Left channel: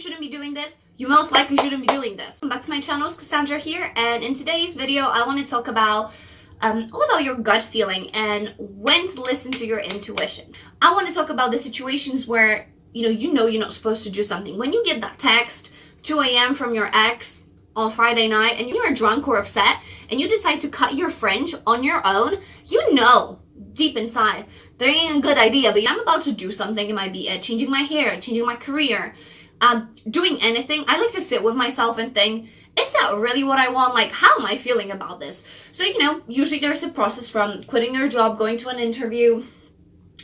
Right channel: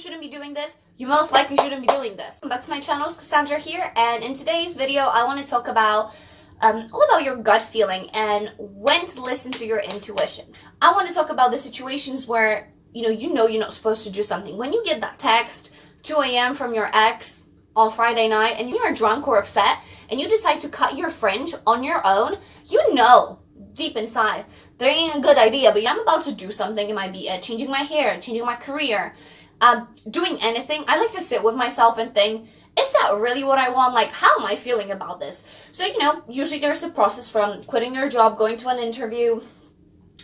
shouldn't be doing this, you most likely shouldn't be doing this. Welcome back to my channel, it's Cassandra here, and in today's video, I want to talk about all about your gut feeling and when to listen to your intuition. I want to talk about the situations where you know you're not supposed to do something. When you get that text 2 a.m. from your ex on Friday night and you're drunk or upset and you decide to cut your fringe on your own, you know deep inside that ain't a good idea, but I'm about to do something. It might be changing my hair, changing my career, doing anything. I like to sit with myself and think, is that really what I want? Like, how am I feeling about this? So, usually there's a process from quitting your job, going to an interview,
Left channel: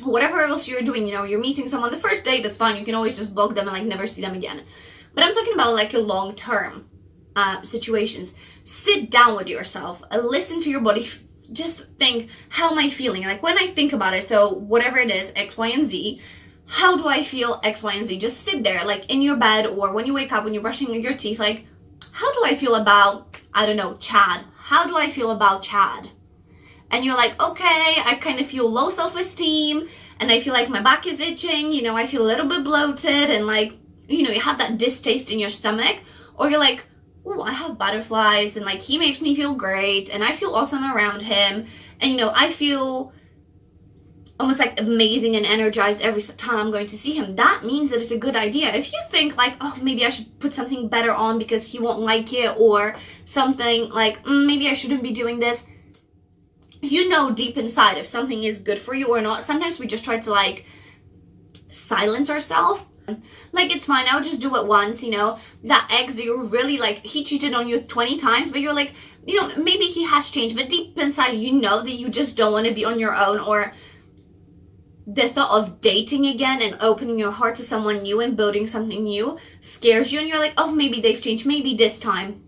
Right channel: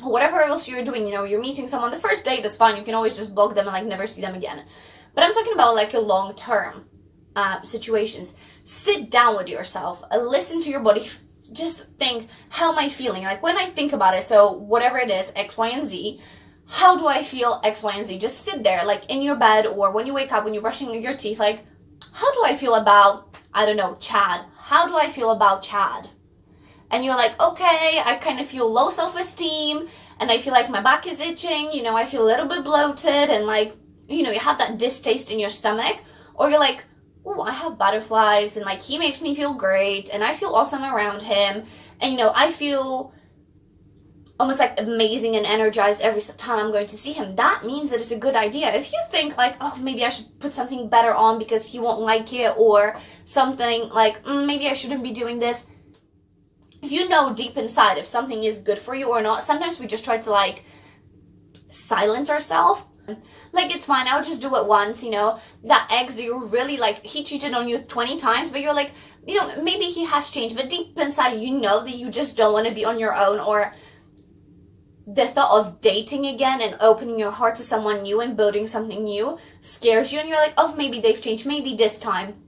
whatever else you're doing. You're meeting someone the first day, that's fine. You can always just block them and never see them again. But I'm talking about a long-term situations. Sit down with yourself, listen to your body. Just think, how am I feeling? When I think about it, so whatever it is, X, Y, and Z, how do I feel X, Y, and Z? Just sit there, in your bed, or when you wake up, when you're brushing your teeth, how do I feel about, I don't know, Chad? How do I feel about Chad? And you're like, okay, I kind of feel low self-esteem, and I feel like my back is itching, I feel a little bit bloated, and you have that distaste in your stomach, or you're like, oh, I have butterflies, and he makes me feel great, and I feel awesome around him, and I feel almost amazing and energized every time I'm going to see him. That means that it's a good idea. If you think oh, maybe I should put something better on because he won't like it, or something maybe I shouldn't be doing this, deep inside if something is good for you or not. Sometimes we just try to silence ourselves. It's fine, I'll just do it once. That ex, you really he cheated on you 20 times, but you're maybe he has changed, but deep inside that you just don't want to be on your own, or the thought of dating again and opening your heart to someone new and building something new scares you, and you're oh, maybe they've changed, maybe this time.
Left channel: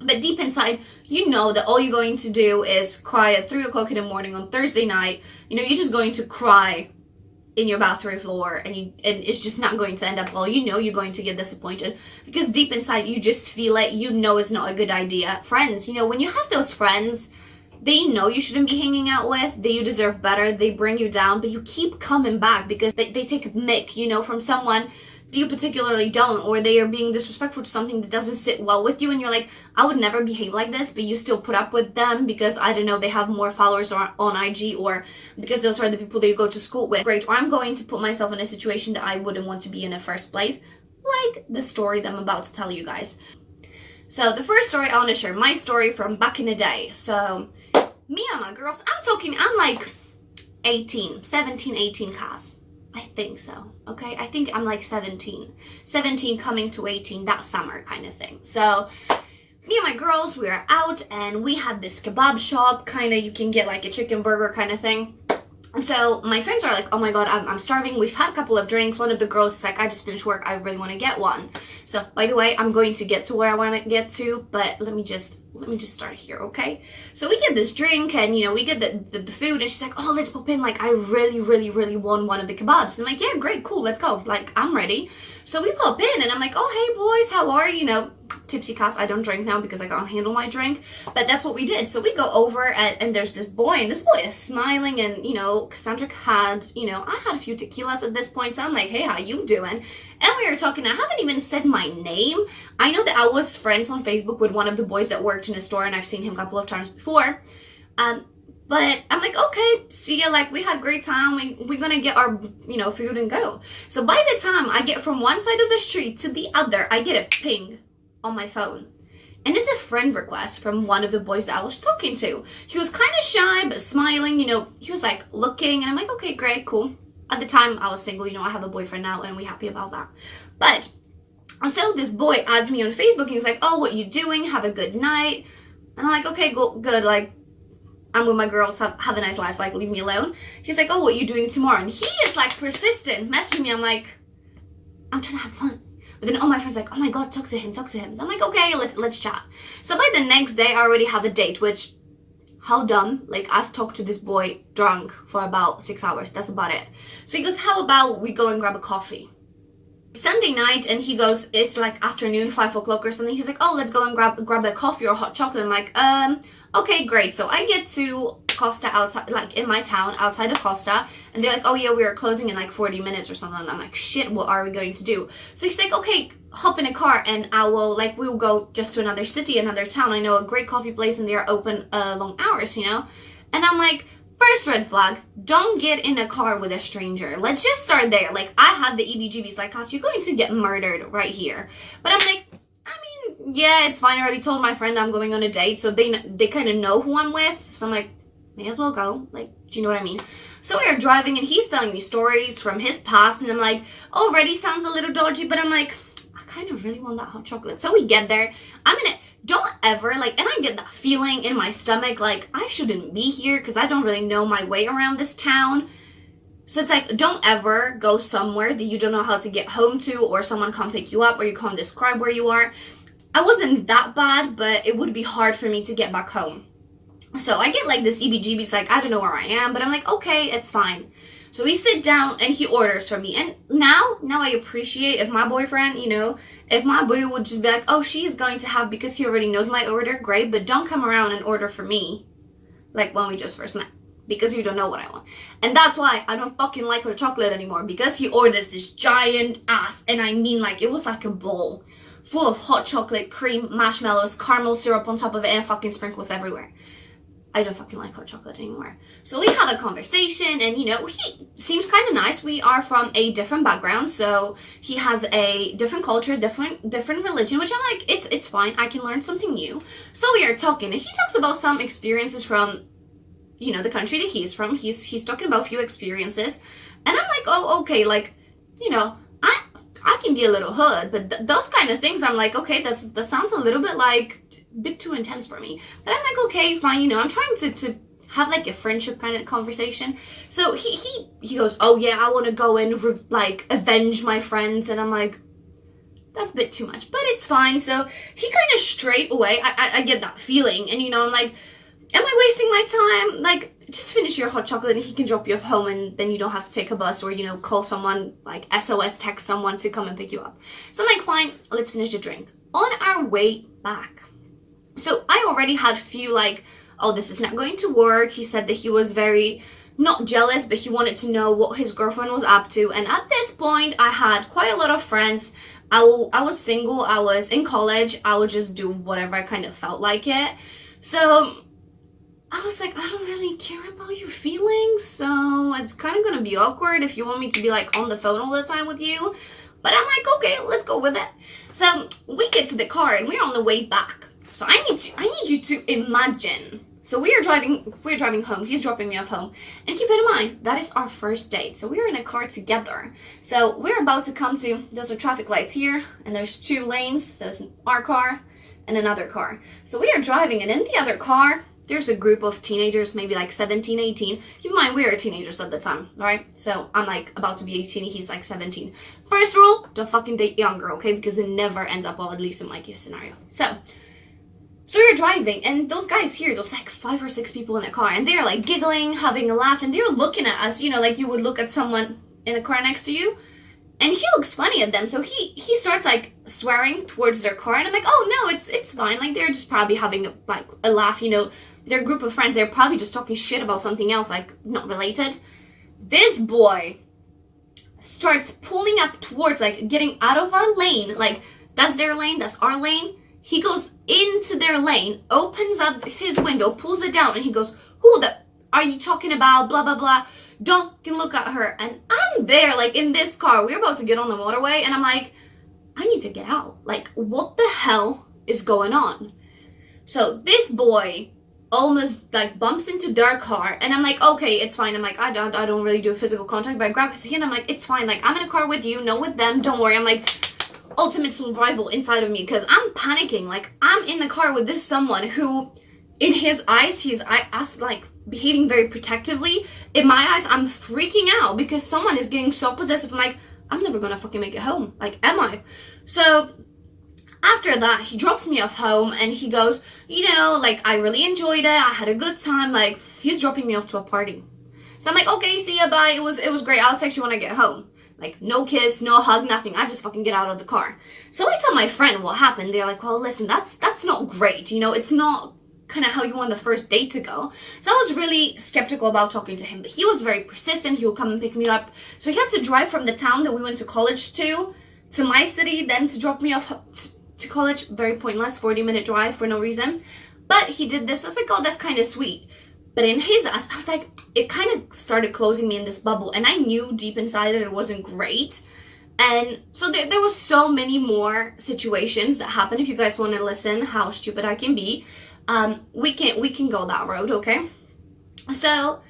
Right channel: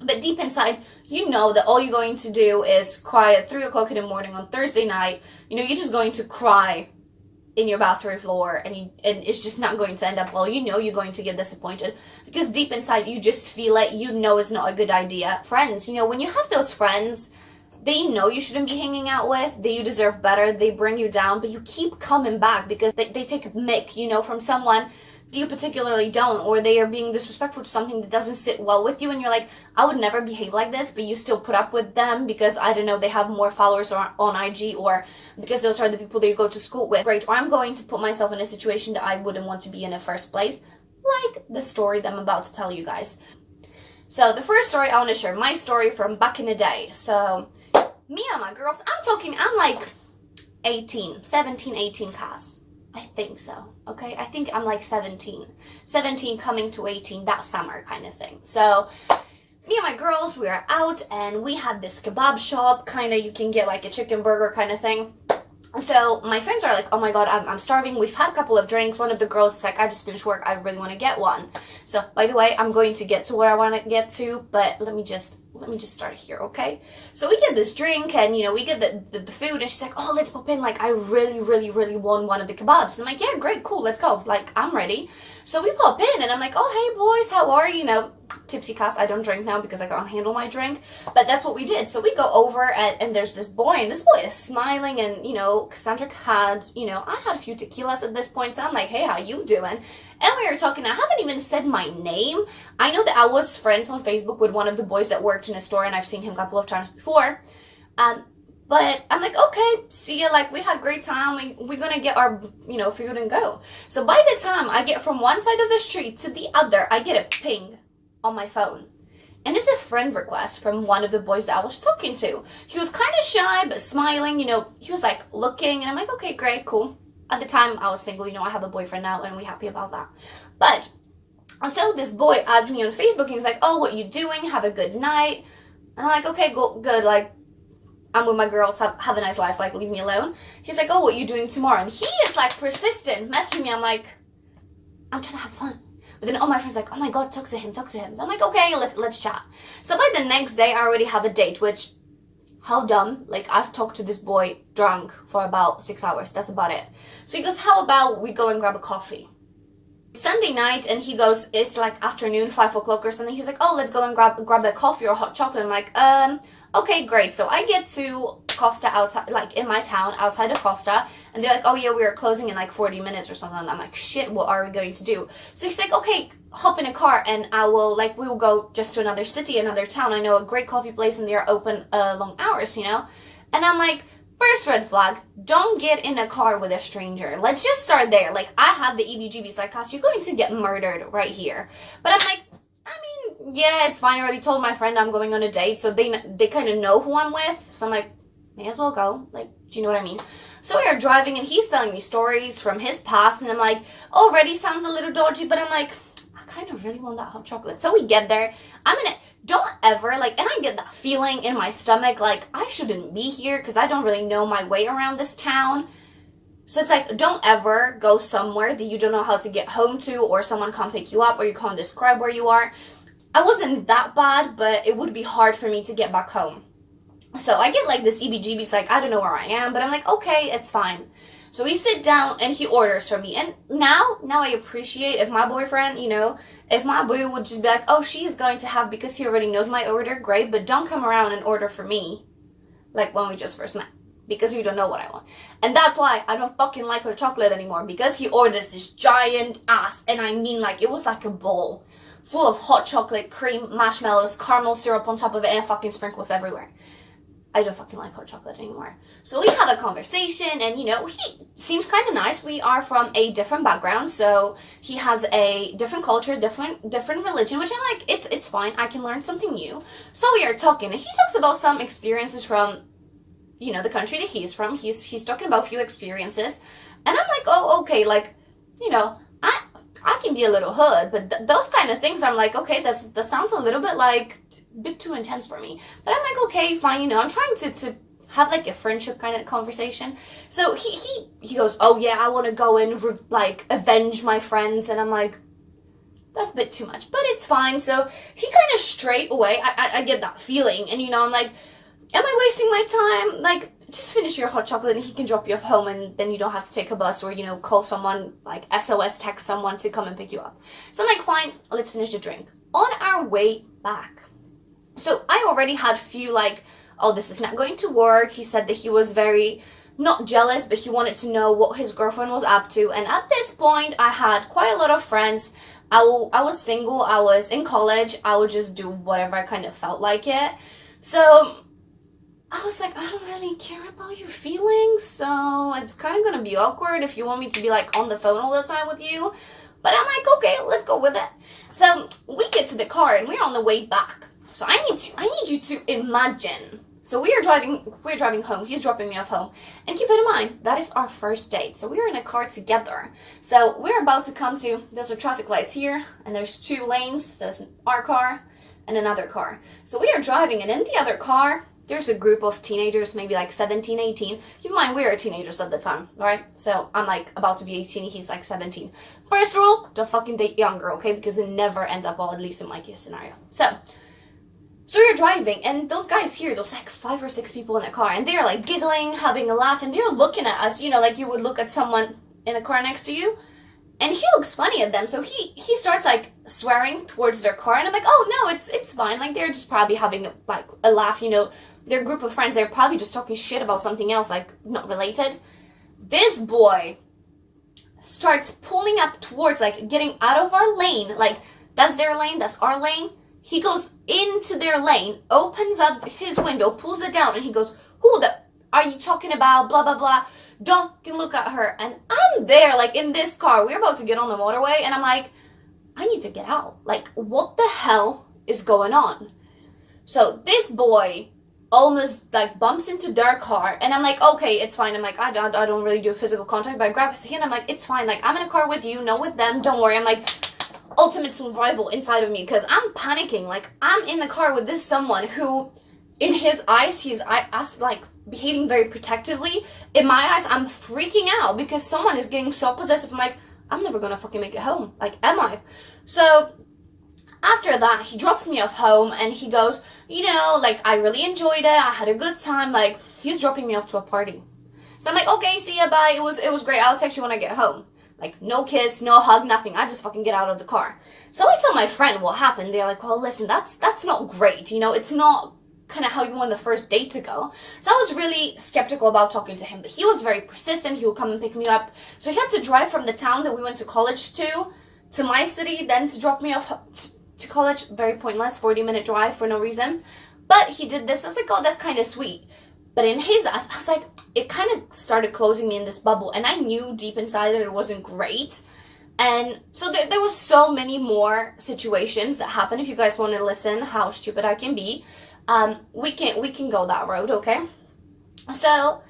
But deep inside, that all you're going to do is cry at 3 o'clock in the morning on Thursday night. You're just going to cry in your bathroom floor, and it's just not going to end up well. You're going to get disappointed because deep inside you just feel it. It's not a good idea. Friends, when you have those friends that you shouldn't be hanging out with, that you deserve better, they bring you down, but you keep coming back because they take a mick, from someone that you particularly don't, or they are being disrespectful to something that doesn't sit well with you, and you're I would never behave like this, but you still put up with them because, I don't know, they have more followers on IG, or because those are the people that you go to school with. Great, or I'm going to put myself in a situation that I wouldn't want to be in the first place, like the story that I'm about to tell you guys. So the first story, I want to share my story from back in the day. So me and my girls, I'm 17, 18 Cass. I think so, okay? I think I'm 17 coming to 18 that summer kind of thing. So me and my girls, we are out and we had this kebab shop, you can get a chicken burger kind of thing. So my friends are oh my god, I'm starving. We've had a couple of drinks. One of the girls is I just finished work, I really want to get one. So by the way, I'm going to get to where I want to get to, but let me just start here, okay? So we get this drink, and we get the food, and she's oh, let's pop in, I really want one of the kebabs. And I'm yeah, great, cool, let's go, I'm ready. So we pop in, and I'm oh, hey boys, how are you? Tipsy Cass, I don't drink now because I can't handle my drink, but that's what we did. So we go over, and there's this boy, and this boy is smiling, and Cassandra had, I had a few tequilas at this point, so I'm hey, how you doing? And we were talking. I haven't even said my name. I know that I was friends on Facebook with one of the boys that worked in a store, and I've seen him a couple of times before. But I'm okay, see ya, we had a great time, we're gonna get our, food and go. So by the time I get from one side of the street to the other, I get a ping on my phone. And it's a friend request from one of the boys that I was talking to. He was kind of shy, but smiling, he was looking, and I'm okay, great, cool. At the time, I was single, I have a boyfriend now, and we're happy about that. But, so this boy adds me on Facebook, and he's oh, what you doing? Have a good night. And I'm okay, good, I'm with my girls, have a nice life, leave me alone. He's oh, what you doing tomorrow? And he is persistent, messaging me. I'm I'm trying to have fun. But then all my friends oh my god, talk to him. So I'm okay, let's chat. So by the next day, I already have a date, which, how dumb. I've talked to this boy drunk for about 6 hours. That's about it. So he goes, how about we go and grab a coffee? It's Sunday night, and he goes, it's afternoon, 5 o'clock or something. He's oh, let's go and grab a coffee or hot chocolate. I'm okay, great. So I get to Costa outside, like in my town, outside of Costa. And they're like, oh yeah, we are closing in like 40 minutes or something. And I'm like, shit, what are we going to do? So he's like, okay, hop in a car and we will go just to another city, another town. I know a great coffee place and they're open long hours, you know? And I'm like, first red flag, don't get in a car with a stranger. Let's just start there. Like, I had the EBGBs, like, cause you're going to get murdered right here. But I'm like, I mean, yeah, it's fine. I already told my friend I'm going on a date, so they kind of know who I'm with. So I'm like, may as well go. Like, do you know what I mean? So we are driving, and he's telling me stories from his past, and I'm like, already sounds a little dodgy, but I'm like, I kind of really want that hot chocolate. So we get there. Don't ever, like, and I get that feeling in my stomach, like, I shouldn't be here because I don't really know my way around this town. So it's like, don't ever go somewhere that you don't know how to get home to, or someone can't pick you up, or you can't describe where you are. I wasn't that bad, but it would be hard for me to get back home. So I get like this EBGB's, like, I don't know where I am, but I'm like, okay, it's fine. So we sit down and he orders for me. And now I appreciate if my boyfriend, you know, if my boo would just be like, oh, she is going to have, because he already knows my order, great, but don't come around and order for me like when we just first met, because you don't know what I want. And that's why I don't fucking like her chocolate anymore, because he orders this giant ass, and I mean, like, it was like a bowl full of hot chocolate, cream, marshmallows, caramel syrup on top of it, and fucking sprinkles everywhere. I don't fucking like hot chocolate anymore. So we have a conversation, and, you know, he seems kind of nice. We are from a different background, so he has a different culture, different religion, which I'm like, it's fine. I can learn something new. So we are talking, and he talks about some experiences from, you know, the country that he's from. He's talking about a few experiences, and I'm like, oh, okay, like, you know, I can be a little hood, but those kind of things, I'm like, okay, that sounds a little bit like bit too intense for me. But I'm like, okay, fine, you know, I'm trying to have like a friendship kind of conversation. So he goes, oh yeah, I want to go and like avenge my friends, and I'm like, that's a bit too much, but it's fine. So he kind of straight away, I get that feeling, and, you know, I'm like, am I wasting my time? Like, just finish your hot chocolate and he can drop you off home, and then you don't have to take a bus, or, you know, call someone, like SOS text someone to come and pick you up. So I'm like, fine, let's finish the drink. On our way back, so I already had few, like, oh, this is not going to work. He said that he was very, not jealous, but he wanted to know what his girlfriend was up to. And at this point, I had quite a lot of friends. I was single. I was in college. I would just do whatever I kind of felt like it. So I was like, I don't really care about your feelings. So it's kind of going to be awkward if you want me to be, like, on the phone all the time with you. But I'm like, okay, let's go with it. So we get to the car and we're on the way back. So I need you to imagine. So we're driving home. He's dropping me off home. And keep it in mind, that is our first date. So we're in a car together. So we're about to come to, there's a traffic lights here, and there's 2 lanes. There's our car and another car. So we are driving, and in the other car, there's a group of teenagers, maybe like 17, 18. Keep in mind, we were teenagers at the time, right? So I'm like about to be 18, he's like 17. First rule, don't fucking date younger, okay? Because it never ends up well, at least in my case scenario. So we were driving, and those guys here, there's like 5 or 6 people in the car, and they're like giggling, having a laugh, and they're looking at us, you know, like you would look at someone in a car next to you. And he looks funny at them, so he starts like swearing towards their car, and I'm like, oh no, it's fine. Like, they're just probably having a laugh, you know. Their group of friends, they're probably just talking shit about something else, like not related. This boy starts pulling up towards, like, getting out of our lane. Like, that's their lane, that's our lane. He goes into their lane, opens up his window, pulls it down, and he goes, who the are you talking about? Blah, blah, blah. Don't look at her. And I'm there, like, in this car. We're about to get on the motorway, and I'm like, I need to get out. Like, what the hell is going on? So this boy almost, like, bumps into their car, and I'm like, okay, it's fine. I'm like, I don't really do physical contact, but I grab his hand. I'm like, it's fine. Like, I'm in a car with you, not with them. Don't worry. I'm like, ultimate survival inside of me, because I'm panicking. Like, I'm in the car with this someone who, in his eyes, he's like behaving very protectively. In my eyes, I'm freaking out because someone is getting so possessive. I'm like, I'm never gonna fucking make it home. Like, am I? So after that, he drops me off home, and he goes, you know, like, I really enjoyed it. I had a good time. Like, he's dropping me off to a party. So I'm like, okay, see ya, bye. It was great. I'll text you when I get home. Like, no kiss, no hug, nothing. I just fucking get out of the car. So I tell my friend what happened. They're like, well, listen, that's not great. You know, it's not kind of how you want the first date to go. So I was really skeptical about talking to him, but he was very persistent. He would come and pick me up. So he had to drive from the town that we went to college to my city, then to drop me off to college. Very pointless, 40-minute drive for no reason. But he did this. I was like, oh, that's kind of sweet. But in his eyes, I was like, it kind of started closing me in this bubble. And I knew deep inside that it wasn't great. And so there was so many more situations that happened. If you guys want to listen how stupid I can be, we can go that road, okay? So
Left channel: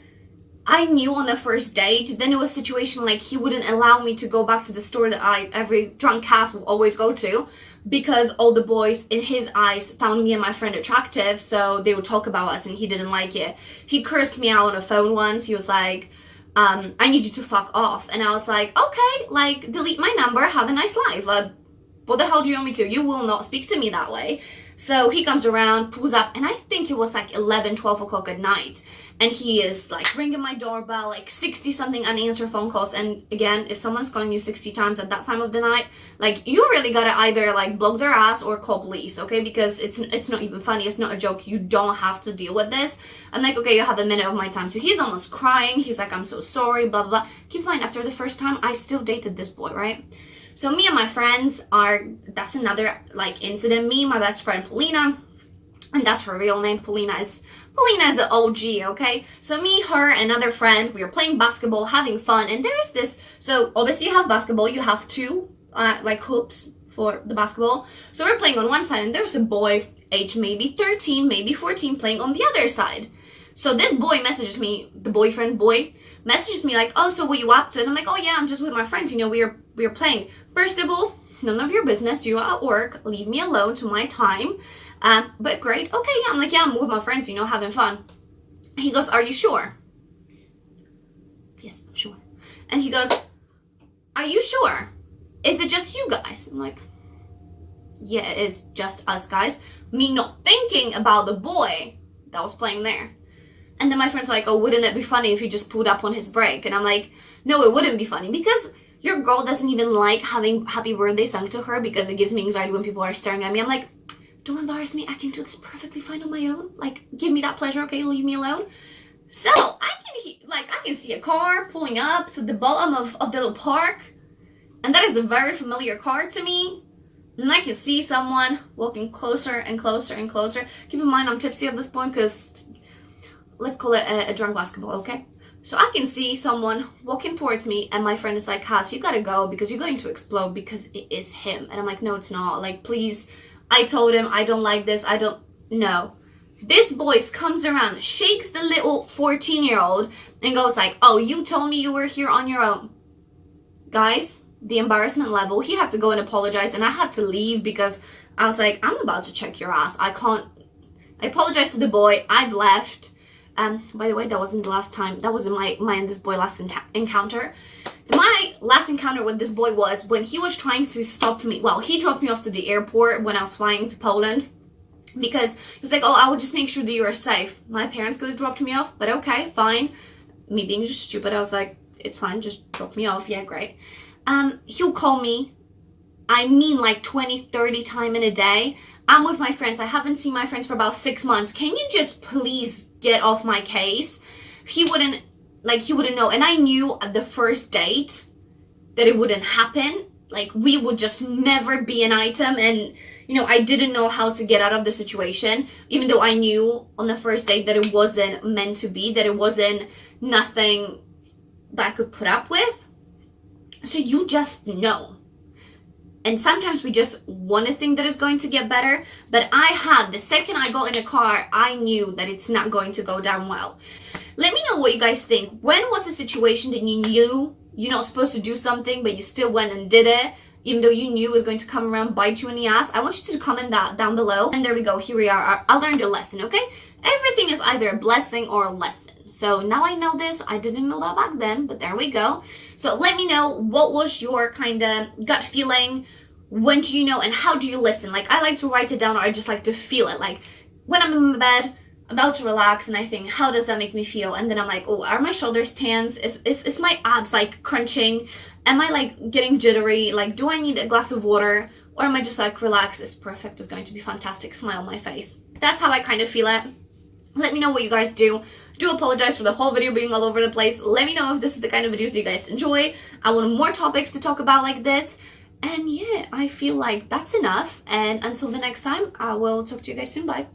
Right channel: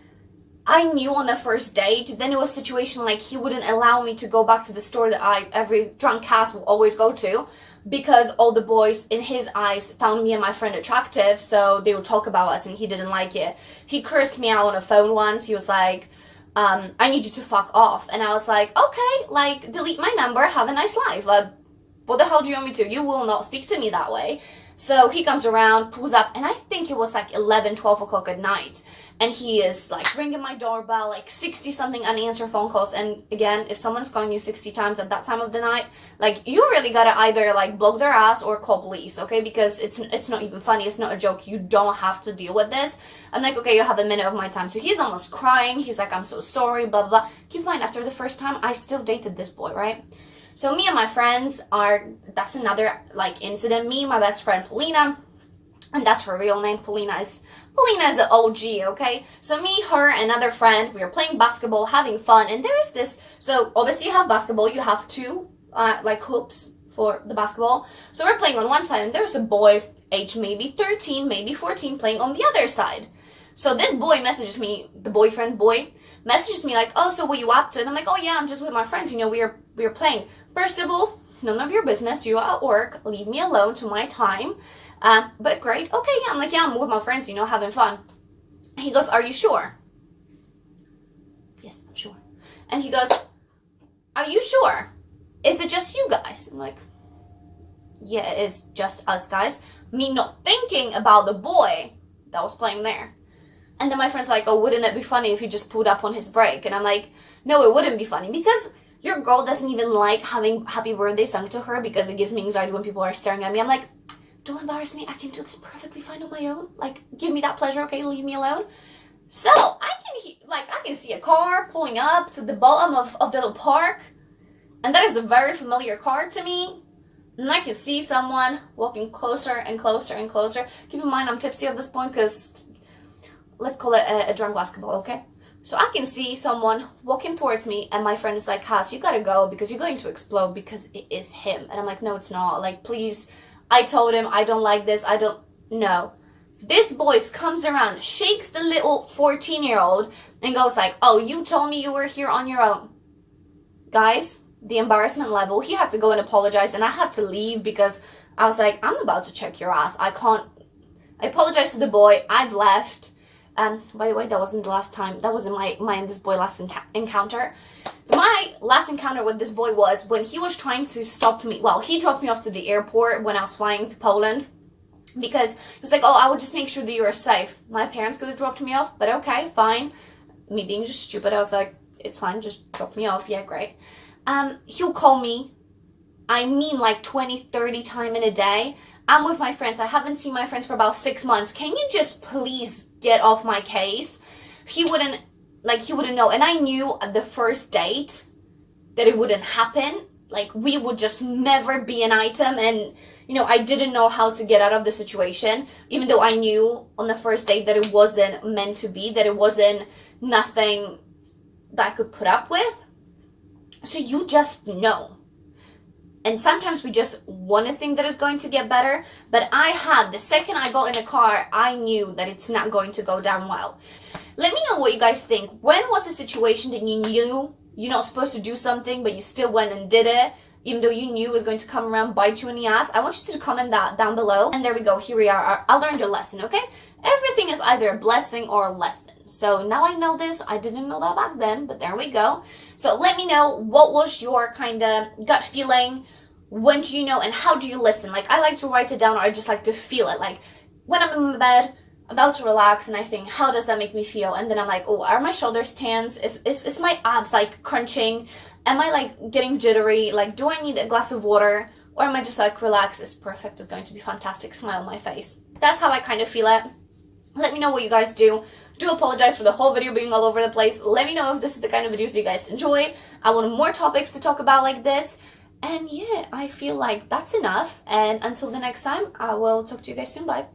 I knew on the first date, then it was a situation like he wouldn't allow me to go back to the store that every drunk ass will always go to, because all the boys in his eyes found me and my friend attractive, so they would talk about us and he didn't like it. He cursed me out on the phone once. He was like, I need you to fuck off. And I was like, okay, like, delete my number, have a nice life. Like, what the hell do you want me to? You will not speak to me that way. So he comes around, pulls up, and I think it was like 11, 12 o'clock at night. And he is like ringing my doorbell, like 60 something unanswered phone calls. And again, if someone's calling you 60 times at that time of the night, like, you really gotta either like block their ass or call police, okay? Because it's not even funny. It's not a joke. You don't have to deal with this. I'm like, okay, you have a minute of my time. So he's almost crying. He's like, I'm so sorry, blah, blah, blah. Keep in mind, after the first time, I still dated this boy, right? So me and my friends that's another like incident. Me and my best friend, Polina, and that's her real name. Polina is an OG, okay? So me, her, another friend, we were playing basketball, having fun, and there's this, so obviously you have basketball, you have two, like hoops for the basketball. So we're playing on one side, and there's a boy, age maybe 13, maybe 14, playing on the other side. So this boy messages me, the boyfriend boy, messages me like, oh, so what you up to? And I'm like, oh yeah, I'm just with my friends, you know, we are playing. First of all, none of your business, you are at work, leave me alone to my time. But great. Okay, yeah. I'm like, yeah, I'm with my friends, you know, having fun. He goes, are you sure? Yes, I'm sure. And he goes, are you sure? Is it just you guys? I'm like, yeah, it is just us guys. Me not thinking about the boy that was playing there. And then my friend's like, oh, wouldn't it be funny if you just pulled up on his break? And I'm like, no, it wouldn't be funny, because your girl doesn't even like having happy birthday sung to her because it gives me anxiety when people are staring at me. I'm like, don't embarrass me. I can do this perfectly fine on my own. Like, give me that pleasure, okay? Leave me alone. So I can see a car pulling up to the bottom of the little park, and that is a very familiar car to me. And I can see someone walking closer and closer and closer. Keep in mind, I'm tipsy at this point because let's call it a drunk basketball, okay? So I can see someone walking towards me, and my friend is like, Cass, you gotta go because you're going to explode because it is him. And I'm like, no, it's not. Like, please. I told him, I don't like this. I don't know. This boy comes around, shakes the little 14-year-old and goes like, oh, you told me you were here on your own. Guys, the embarrassment level, he had to go and apologize, and I had to leave because I was like, I'm about to check your ass. I apologized to the boy. I've left. By the way, that wasn't the last time. That wasn't my and this boy last encounter. My last encounter with this boy was when he was trying to stop me. Well, he dropped me off to the airport when I was flying to Poland because he was like, oh, I would just make sure that you are safe. My parents could have dropped me off, but okay, fine. Me being just stupid, I was like, it's fine, just drop me off. Yeah, great. He'll call me, I mean like 20, 30 times in a day. I'm with my friends. I haven't seen my friends for about 6 months. Can you just please get off my case? He wouldn't know. And I knew at the first date that it wouldn't happen. Like, we would just never be an item. And, you know, I didn't know how to get out of the situation, even though I knew on the first date that it wasn't meant to be, that it wasn't nothing that I could put up with. So you just know. And sometimes we just want to think that it's going to get better. But the second I got in a car, I knew that it's not going to go down well. Let me know what you guys think. When was a situation that you knew you're not supposed to do something, but you still went and did it, even though you knew it was going to come around, bite you in the ass? I want you to comment that down below. And there we go. Here we are. I learned a lesson, okay? Everything is either a blessing or a lesson. So now I know this. I didn't know that back then, but there we go. So let me know, what was your kind of gut feeling? When do you know, and how do you listen? Like, I like to write it down, or I just like to feel it. Like, when I'm in my bed, about to relax, and I think, how does that make me feel? And then I'm like, oh, are my shoulders tense? Is my abs like crunching? Am I like getting jittery? Like, do I need a glass of water? Or am I just like, relax, it's perfect, it's going to be fantastic, smile on my face? That's how I kind of feel it. Let me know what you guys do. Do apologize for the whole video being all over the place. Let me know if this is the kind of videos that you guys enjoy. I want more topics to talk about like this. And yeah, I feel like that's enough. And until the next time, I will talk to you guys soon. Bye.